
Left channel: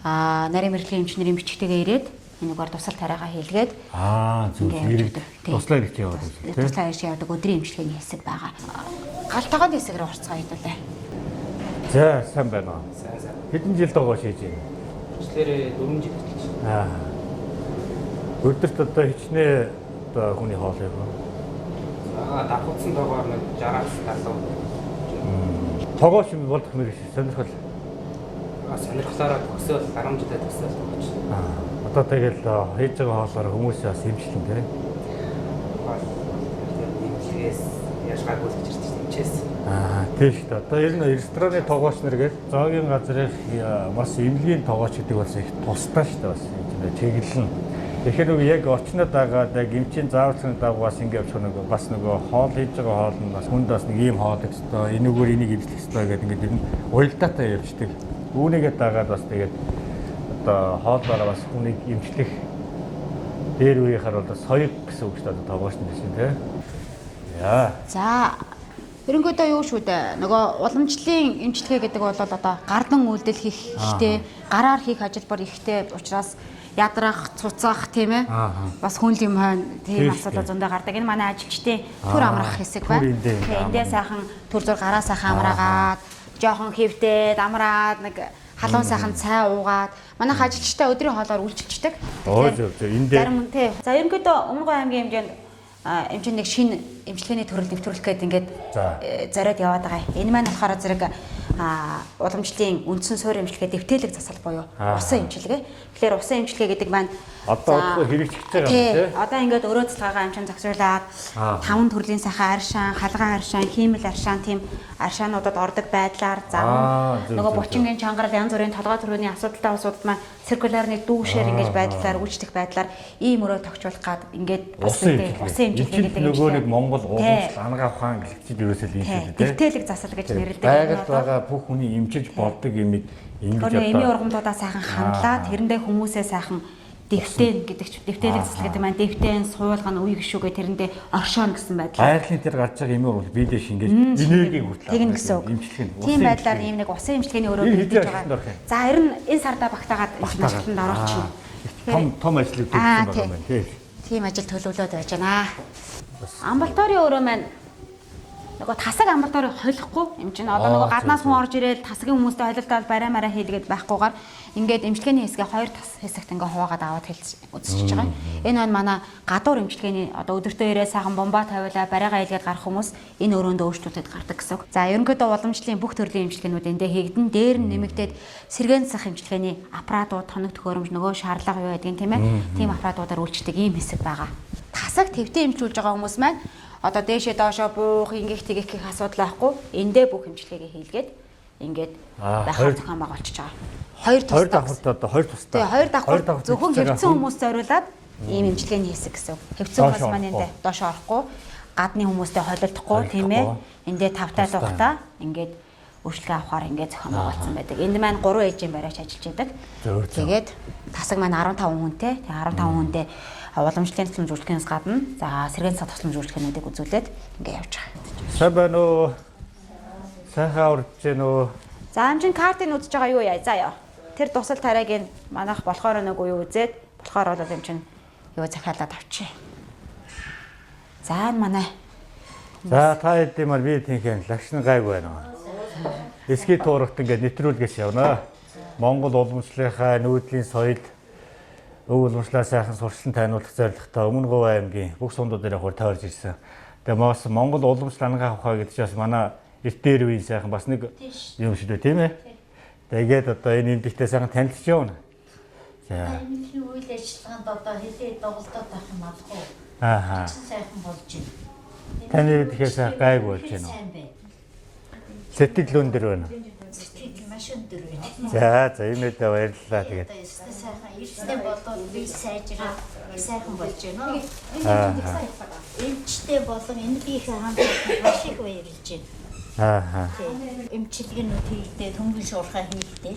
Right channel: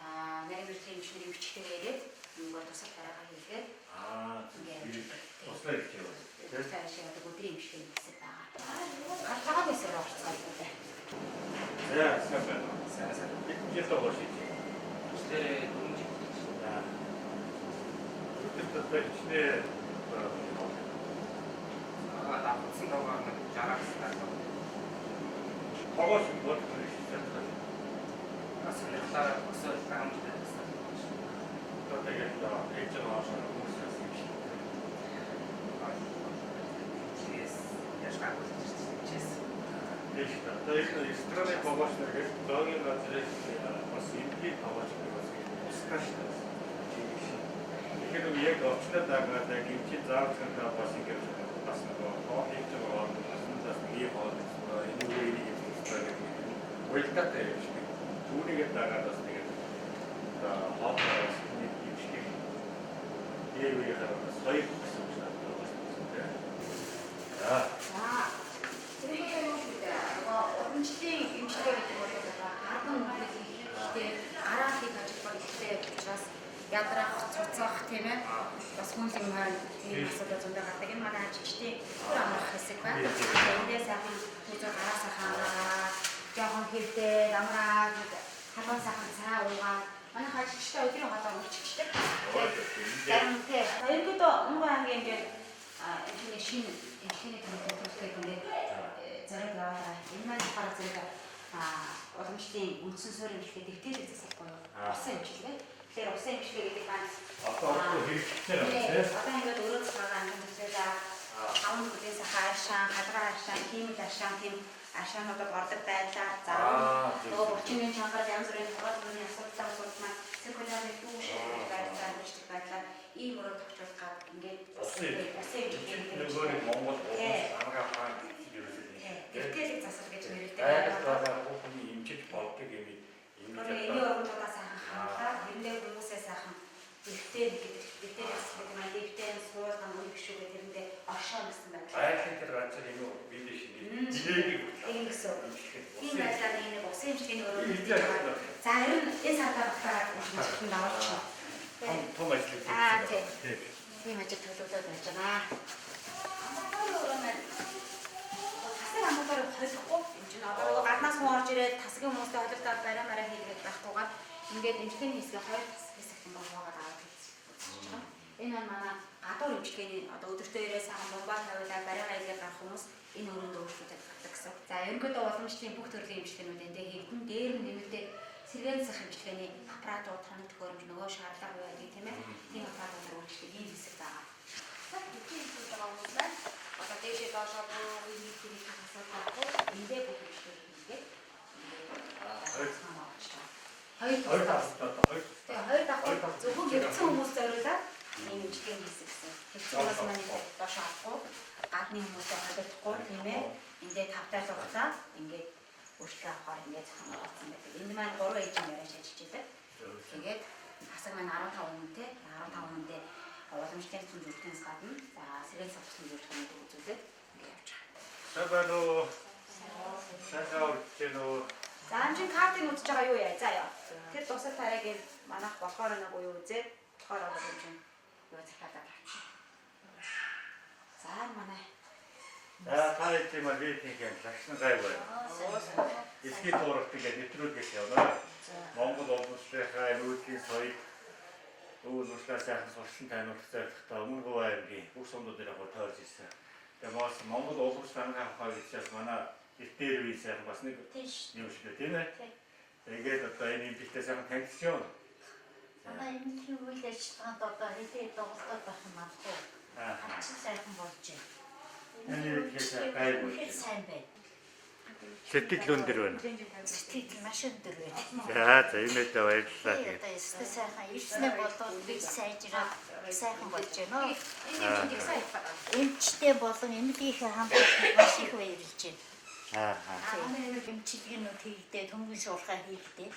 нарийн мэргэжлийн эмчнэрийн бичгтэйгээ ирээд энэгээр тусал тариагаа хийлгээд зүгээр туслаа ирэх яваад тийм. Туслаа ирэх яваад өдрийн эмчилгээний хэсэг байгаа. Галтагааны хэсгээр орцгоо хийдүүлээ. За сайн байна уу. Хэдэн жил байгаа шийж юм. Тэр 4 жил. Өдөрт одоо хичнээн хүний хоол яг. Ахуйсан байгаа нэг гараас талуу. Тогоос нь бол нэг сонирхол. Сонирхлаараа төгсөөл 10 жилээ төгсөөл. Одоо тэгэл хийж байгаа хоолоор хүмүүсээ бас имжлэн тийм. Тийм шүү дээ. Одоо ер нь рестораны тогооч нэргээд зоогийн газраас бас эвлийн тогооч гэдэг бас их тустай шүү дээ. Бас чиглэл нь. Тэгэхээр нөгөө яг очнод байгаад яг эмчийн зааварчны дагуу бас ингэ явах нэг бас нөгөө хоол хийж байгаа хоол нь бас хүнд бас нэг ийм хоол өстой энэгээр энийг эвлэх өстой гэдэг ингэ ер нь уялдаатай явждаг. Үүнийгээ дагаад бас тэгээд одоо хоолоороо бас хүнийг эмчлэх дээр үеийнхаар бол соёл гэсэн үг шүү дээ тогооч нь гэсэн тийм. Яа. За ерөнхийдөө юу шүү дээ. Нөгөө уламжлалын эмчилгээ гэдэг бол одоо гардан үйлдэл хийх ихтэй, гараар хийх ажилбар ихтэй учраас ядрах, цуцах тийм ээ. Бас хүн юм хаана тийм асуудал зөндөө гардаг. Энэ манай ажилчдын төр амрах хэсэг байна. Эндээ сайхан төр зур гараа сайхан амраагаад, жоохон хөвдөөд амраад нэг халуун сайхан цай уугаад манайх ажилчтай өдрийн хоолоор үйлчилждэг. Эндээ. За ерөнхийдөө Өмнөг аймгийн хэмжээнд эмчийн нэг шинэ эмчилгээний төрөл нэвтрүүлэх гээд ингээд За. зориод яваад байгаа. Энэ маань болохоор зэрэг уламжлалын үндсэн суурь эмчилгээ дэвтээлэг засал буюу усан эмчилгээ. Тэгэхээр усан эмчилгээ гэдэг маань Одоо хэрэгжиж байгаа юм тий. Одоо ингээд өрөө цэцгаага амчин зохицуулаад 5 төрлийн сайхан аршаан, халгаан аршаан, хиймэл аршаан тийм аршаануудад ордог байдлаар нөгөө булчингийн чангарал янз бүрийн толгой төрөний асуудалтай асуудал маань циркулярны дүүшээр ингэж байдлаар үйлчлэх байдлаар ийм өрөө тогтчуулах гад ингээд усан эмчилгээ гэдэг нөгөө нэг Монгол улс ангаа хаан гихчил юусэл юм шиг тий. дэвтээлэг засал гэж нэрлэдэг. Байгальд байгаа бүх хүний эмчилж болдог юмыг ингэж эмийн ургамлуудаа сайхан хандлаад тэрэндээ хүмүүсээ сайхан дэвтэн гэдэг ч дэвтээлэг засал гэдэг маань дэвтэн суулгана үе гişүүгээ тэрэндээ оршооно гэсэн байдал. гайхлын тэр гарч байгаа юм уу бидээ шингээл энергийг хүртээ. Тэгнэ гэсэн үг. Тийм байдлаар ийм нэг усан эмчилгээний өрөө бийж байгаа. За харин энэ сардаа багтаагаад эмчилгээнд орооч. Том ажлыг хийсэн байгаа юм тий. Тийм ажил төлөвлөлөөд байж байна. Амбулаторийн өрөө маань нөгөө тасаг амбулаторыг холихгүй юм чинь одоо нөгөө гаднаас хүн орж ирээд тасгийн хүмүүстэй холилдоод барай мараа хийлгээд байхгүйгээр ингээд эмчилгээний хэсгээ хоёр тас хэсэгт ингээ хуваагаад аваад үзчихэж байгаа. Энэ маань манай гадуур эмчилгээний одоо өдөртөө ирээ сайхан бомба тавиулаа барайгаа хийлгээд гарах хүмүүс энэ өрөөндөө өөрчлөлтөд гардаг гэсэн үг. За ерөнхийдөө уламжлалын бүх төрлийн эмчилгээнүүд эндээ хийгдэн дээр нь нэмэгдээд сэргээн засах эмчилгээний аппаратууд тоног төхөөрөмж нөгөө шаардлага юу байдгийг тийм ээ. Тийм аппаратуудаар үйлчдэг ийм хэсэг байгаа. Тасаг твтэн эмчилж байгаа хүмүүс маань одоо дээшээ доошоо буух ингэх тэгэх гэх асуудал байхгүй. Эндээ бүх эмчилгээгээ хийлгээд ингээд дахиад зохион байгуулчихж байгаа. Хоёр давхар одоо хоёр тустай. Тэгээ хоёр давхар зөвхөн хэвцэн хүмүүс зориулаад ийм эмчилгээний хэсэг гэсэн. Хэвцэн хүмүүс маань эндээ доош орохгүй, гадны хүмүүстэй холилдохгүй тийм ээ. Эндээ тавтай тухтаа ингээд үйлчлэг авахаар ингээд зохион байгуулсан байдаг. Энд маань 3 ээжийн барайч ажиллаж байдаг. Тэгээд тасаг маань 15 хүнтэй. Тэгээ 15 хүнтэй уламжлалын тусламж үйлчлэгээс гадна за сэргээн засах тусламж үйлчлэгнүүдийг үзүүлээд ингээд явж байгаа. Сайн байна уу? Сайхан урж байна уу? За амжин картыг үзэж байгаа юу яа заяа. Тэр тусал тариагийн манайх болохоор нэг уу үзээд болохоор бол юм чинь юу захиалаад авчи. За манай. За та хэдийн мар би тийхэн лагшин гайг байна. Эсхий туурахт ингээд нэвтрүүлгээс явна. Монгол уламжлалынхаа нүүдлийн соёл өв уламжлалаа сайхан сурчлан таниулах зорилготой Өмнө Говь аймгийн бүх сундууд дээр хурд тойрж ирсэн. Тэгээ бас Монгол уламжлал ангаа авахаа гэж бас манай эртээр үеийн сайхан бас нэг юм шиг үү тийм ээ. Тэгээд одоо энэ эндэгтэй сайхан танилцж явна. За. Аа. Таны үдгээс гайг болж байна. Сэтгэл өндөр байна. За энэ баярлалаа тэгээд. Эмчтэй болон энгийн хамт шиг баярлж байна. Эмчилгээнүүд хийхдээ түнгийн шуурхай хийхдээ.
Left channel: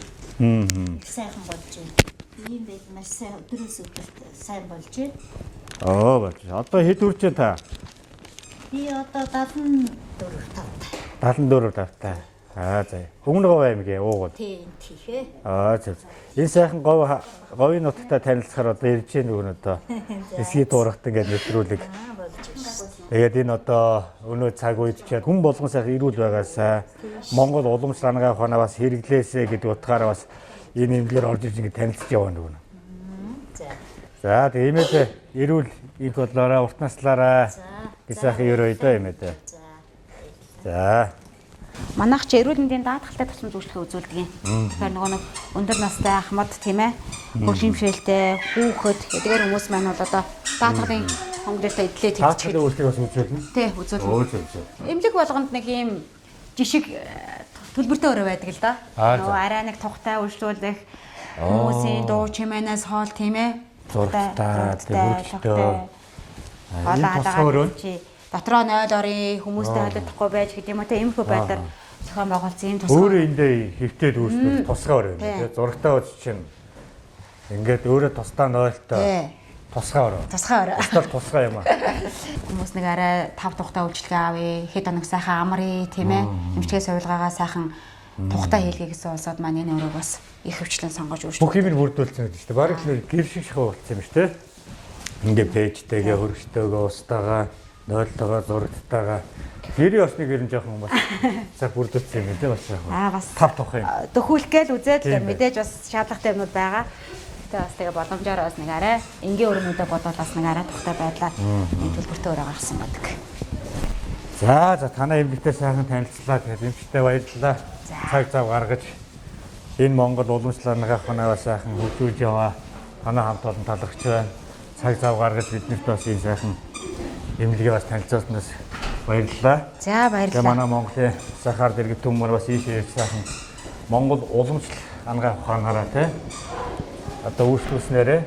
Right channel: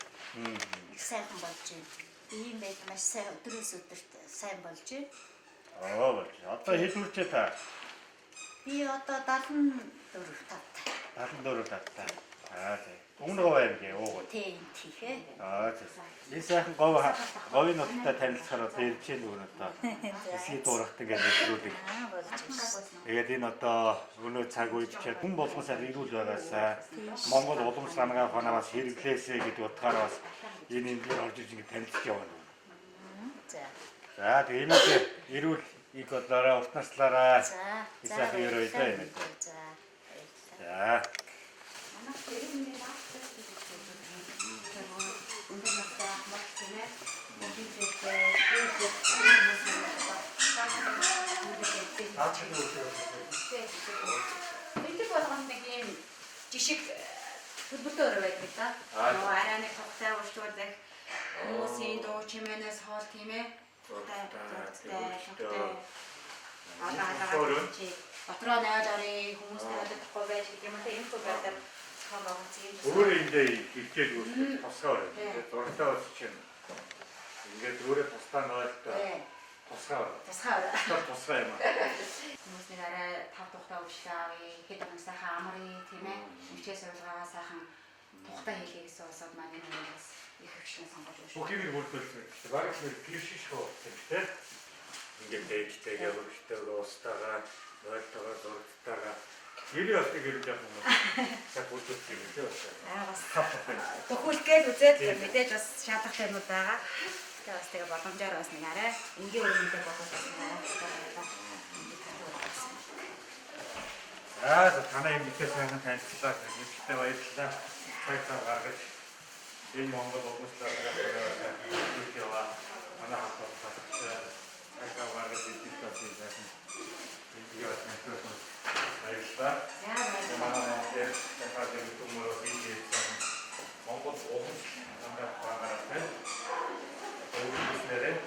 Сайхан болж байна. Тийм байх сайн өдрөөс өдөрт сайн болж байна. Оо, одоо хэд үрчээ та? Би одоо 74 тавтай. За. Өмнө Говь аймгийн уугуул. тийм хийхээ. За. Энэ сайхан говийн нутагтай танилцахаар одоо ирж нөгөө одоо эсхий туурахт ингээд нэвтрүүлэг. Тэгээд энэ одоо өнөө цаг үед ч хүн болгон сайхан ирүүл байгаасаа Монгол уламжлал ангаа ханаас хэрэглээсэ гэдэг утгаараа бас энэ юмдэр орж иж ингээд танилцж явна нөгөө. За тэгээд ирүүл ид бодлороо урт наслаараа сайхан өрөөдөө юм ээ. За. Манайх ч эрүүл мэндийн даатгалтай тусламж үйлчлэг үзүүлдэг юм. Тэгэхээр нөгөө нэг өндөр настай ахмад тийм ээ. Хөгжимшээлтэй, хүүхэд эдгээр хүмүүс маань одоо даатгалын хөнгөлөлтөд идлээ тэгчих. Даатгалын үйлчлэг бас үзүүлнэ. Тий, үзүүлнэ. Эмнэлэг болгонд нэг ийм жишг төлбөртэй өрөө байдаг л да. Нөгөө арай нэг тухтай үйлчлүүлэх хүмүүсийн дуу чимээнээс хоол тийм ээ. Зургатаа, төлөвлөлтөө. Хоолоо дотроо 0 орын хүмүүстэй холилдохгүй байж гэдэг юм уу тийм иймэрхүү байдлаар зохион байгуулсан юм тусгай. Өөрөө эндээ ихтэй дүүсдэг тусгаар байна. Тэгээд зургатаа үз чинь ингээд өөрөө тусдаа 0-той тусгаар. Тусгаар юм аа. Хүмүүс нэг арай 5 тухтай үйлчлэг авъя, хэд хоног сайхан амрыг тийм ээ. Эмчилгээ сувилгаагаа сайхан тухтай хийлгээ гэсэн улсууд маань энэ өрөөг бас их хөвчлэн сонгож өгч. Бүхийг нь бүрдүүлсэн гэдэг чинь бараг нэг гэр шиг хөвөлцсөн юм шүү дээ. Ингээ пэйжтэйгээ хөргөжтэйгээ устаага 0-тойгоо зурагтайгаа гэр осны гэр нь жоохон бас цаг бүрдүүлсэн юм дээ бас. Бас тав тухай юм. Төхүүлгээд үзээд мэдээж бас шаардлагатай юмуд байгаа. Бас тэгээ боломжоор бас нэг арай энгийн өрөөнүүдээ бодоод бас нэг арай тухтай байдлаар төлбөртэй өрөө гаргасан байдаг. За танай эмэгтэй сайхан танилцлаа. Тэгээд эмчтэй баярлалаа. Цаг зав гаргаж энэ Монгол уламжлал ангаахнаа сайхан хөгжүүлж яваа. Танай хамт олон талархч байна. Цаг зав гаргаж биднэрт бас энэ сайхан эмнэлгээ бас танилцуулснаас баярлалаа. За Тэгээ баярлалаа. манай Монголын сахаар дэргэд төмөр бас ийшээ сайхан Монгол уламжлал ангаах ухаанаараа те одоо үйлчлүүлснээрээ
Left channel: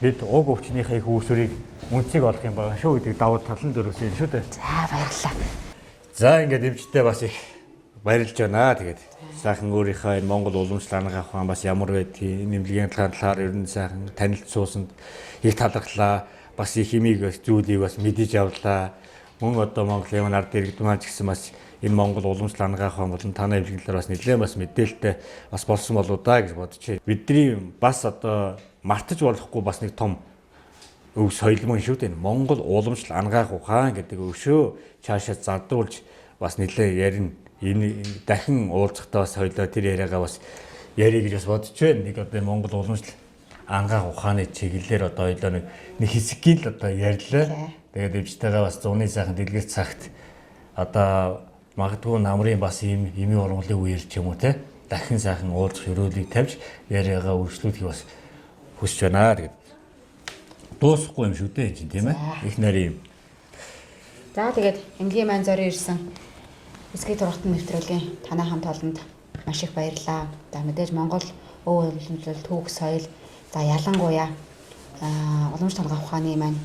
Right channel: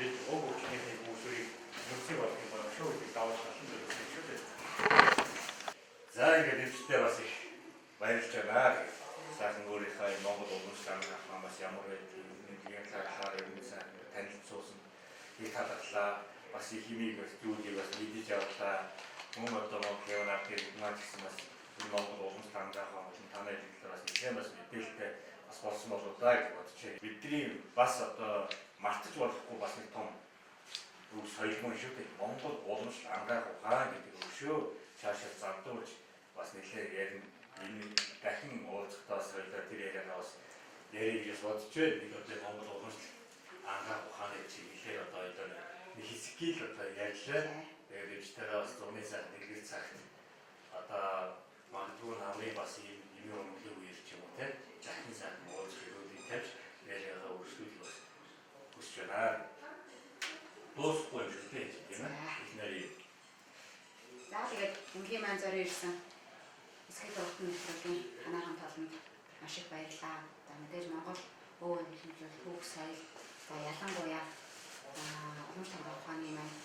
бид уг өвчнийхээ их үүсвэрийг үнцгийг олох юм байна шүү гэдэг давуу тал нь дөрвсөн шүү дээ. За баярлалаа. За ингээд эмчтэй бас их баярлж байна. Тэгээд сайхан өөрийнхөө энэ Монгол уламжлал ангаах ухаан бас ямар байдгийг нэмлэгийн талаар ер нь сайхан танилцуулсанд их талархлаа. Бас их химиг зүйлийг бас мэдэж авлаа. Мөн одоо Монголын ард иргэд маань ч гэсэн бас энэ Монгол уламжлал ангаах ухаан болон танай эмчилгээр бас нэлээд бас мэдээлэлтэй бас болсон болоо да гэж бодчих. Бидний бас одоо мартаж болохгүй бас нэг том өв соёл мөн шүү дээ. Монгол уламжлал ангаах ухаан гэдэг өвшөө цаашаа задуулж бас нэлээд ярина. Энэ дахин уулзахдаа бас хоёлоо тэр яриагаа бас ярих гэж бас бодож байна. Нэг одоо Монгол уламжлал ангаах ухааны чиглэлээр одоо хоёлоо нэг хэсгийг л одоо ярьлаа. Тэгээд өвчтэйгээ бас зуны сайхан дэлгэр цагт одоо магадгүй намрын бас ийм эми ургамлын үеэр ч юм уу те дахин сайхан уулзах өрөөлийг тавьж яриагаа үргэлжлүүлэхийг бас хүсэж байна гэдэг. Дуусахгүй юм шүү дээ чинь тийм ээ. Их нарийн. За тэгээд эмнэлгийн маань зорио ирсэн эсгийн дургатан нэвтрүүлгийн танай хамт олонд маш их баярлалаа. За мэдээж Монгол өв уламжлал түүх соёл за ялангуяа уламжлалт ангаах ухааны маань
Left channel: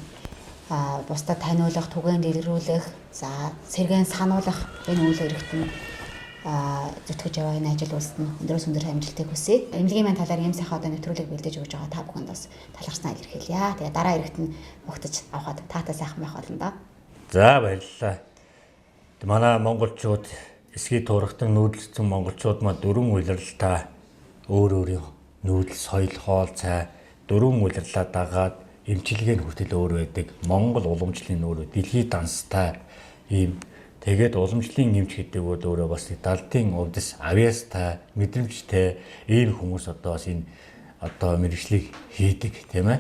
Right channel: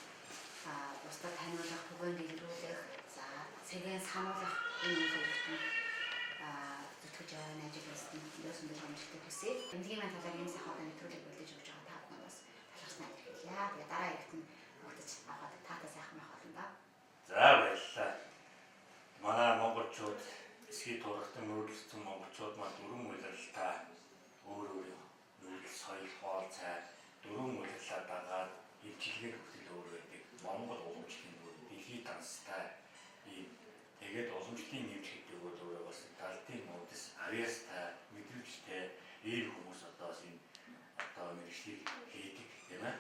бусдад таниулах, түгээн дэлгэрүүлэх, за сэргээн сануулах энэ үйл хэрэгт нь зүтгэж яваа энэ ажил үйлсэнд өндөрөөс өндөр амжилтыг хүсье. Эмнэлгийн маань талаар ийм сайхан одоо нэвтрүүлэг бэлдэж өгж байгаа та бүхэнд бас талархснаа илэрхийлье. Тэгээ дараа хэрэгт нь ухтаж авахад таатай сайхан байх болно да. За баярлалаа. Манай монголчууд эсгийн турагтан нүүдэлсэн монголчууд маань дөрвөн улирлалтаа өөр өөрийн нүүдэл, соёл, хоол, цай дөрвөн улирлаа дагаад эмчилгээний хүртэл өөр байдаг. Монгол уламжлалын өөрөө дэлхийд данстай ийм тэгээд уламжлалын эмч гэдэг бол өөрөө бас далдын увдас авьяастай, мэдрэмжтэй ийм хүмүүс одоо бас энэ одоо мэргэжлийг хийдэг тийм ээ.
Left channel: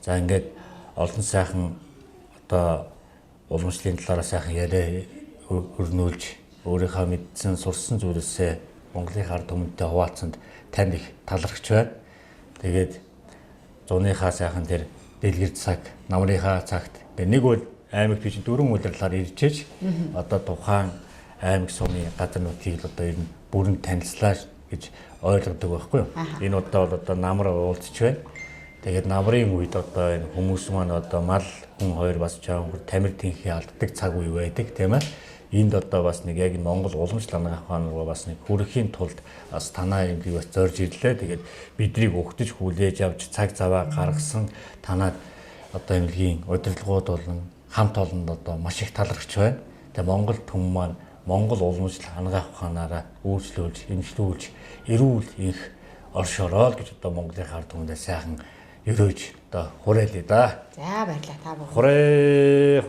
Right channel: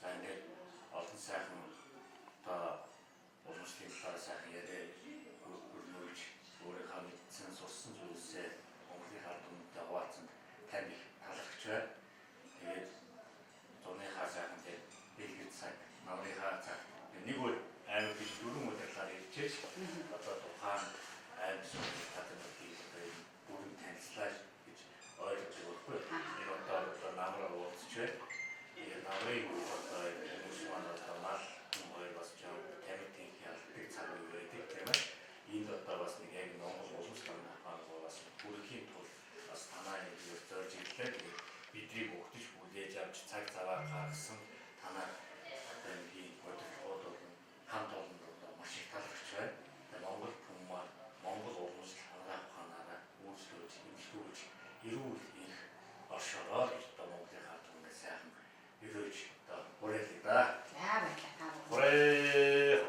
За ингээд олон сайхан одоо уламжлалын талаараа сайхан яриа өрнүүлж өөрийнхөө мэдсэн сурсан зүйлсээ Монголын ард түмэнтэй хуваалцсанд танд их талархж байна. Тэгээд зуныхаа сайхан тэр дэлгэр цаг, намрынхаа цагт нэг бол аймаг биш дөрвөн удирлаар иржээж одоо тухайн аймаг сумын газар нутгийг одоо ер нь бүрэн танилцлаа гэж ойлгодог байхгүй юу? Энэ удаа бол одоо намар уулзч байна. Тэгээд намрын үед одоо энэ хүмүүс маань одоо мал хүн хоёр бас чаавар тамир тэнхээ алддаг цаг үе байдаг тийм ээ. Энд одоо бас нэг яг Монгол уламжлал ангаах ухаан бас нэг бүрхийн тулд бас танаа юмыг бас зорж ирлээ. Тэгээд биднийг өгтөж хүлээж авч цаг заваа гаргасан танаад одоо эмнэлгийн удирдлагууд болон хамт олонд одоо маш их талархж байна. Тэгээ Монгол түмэн маань Монгол уламжлал ангаах ухаанаараа үйлчлүүлж, эмчлүүлж, эрүүл их оршороо гэж одоо Монголын ард түмэндээ сайхан өрөөж одоо хураалъя да. За баярлалаа та бүхэн. Хүрээ.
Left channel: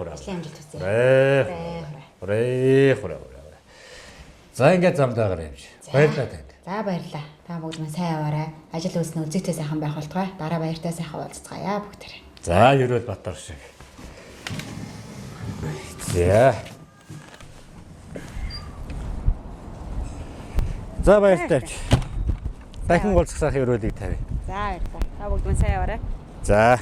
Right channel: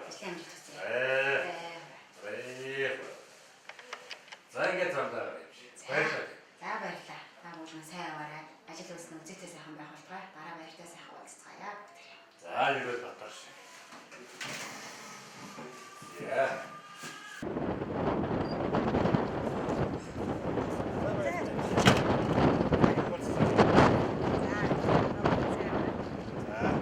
За ингээд замдаа гараа юмш. Баярлалаа танд. За баярлалаа. Та бүгд минь сайн яваарай. Ажил үйлс нь үзэгтэй сайхан байх болтугай. Дараа баяртай сайхан уулзцгаая бүгдээрээ. За ерөөд Батар шиг. За. За баяртай. Дахин уулзах ерөөд. За. Сайн яваарай. За.